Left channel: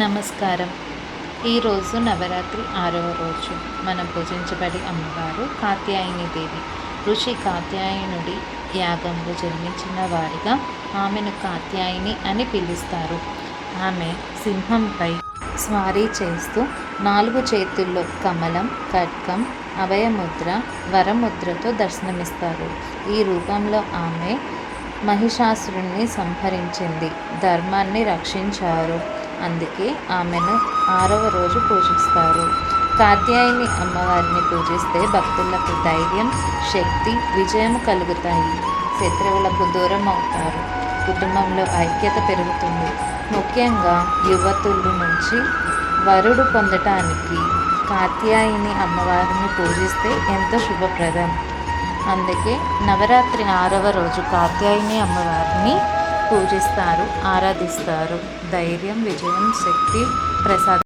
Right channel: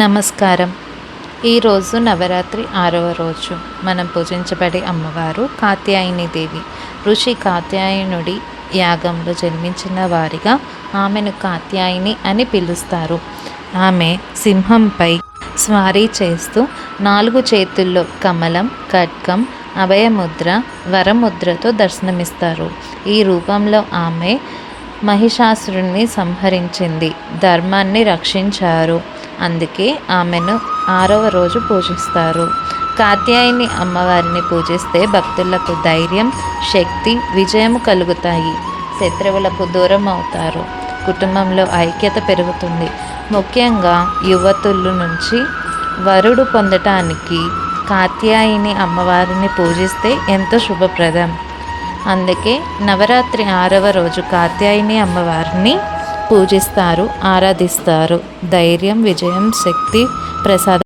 నమస్కారం. ఈరోజు నవరాత్రి 6వ రోజు. మనం పూజించబడే అమ్మవారు కాత్యాయని దేవి. ఋషి కాత్యాయనుడి యాగంలో జన్మించిన వారిగా ఆమెను కాత్యాయని అని పిలుస్తారు. ఆమె సింహంపై స్వారీ చేస్తూ 4 చేతుల్లో కమలం, ఖడ్గం, అభయముద్ర, వరముద్రతో దర్శనమిస్తారు. ఈ రూపంలో ఆమె మహిషాసురుణ్ణి సంహరించింది, ధర్మాన్ని రక్షించారు. అందుకే ఆమెను 6వ రోజు పూజిస్తారు. కాత్యాయని అమ్మవారిని పూజిస్తే భక్తులకు ధైర్యం, శక్తి, విజయం కలుగుతాయి. శత్రువులకు దూరం అవుతారు. కుటుంబంలో ఐక్యత పెరుగుతుంది. ముఖ్యంగా యువతుల నుంచి వరుడు పొందటానికి కాత్యాయని అమ్మవారిని పూజిస్తే ఎంతో శుభప్రదం. అందుకే నవరాత్రి 6వ రోజు కాత్యాయని అమ్మవారిని పూజిస్తారు, ఆరాధిస్తారు. ధైర్యం, విజయం, శక్తి ప్రసాద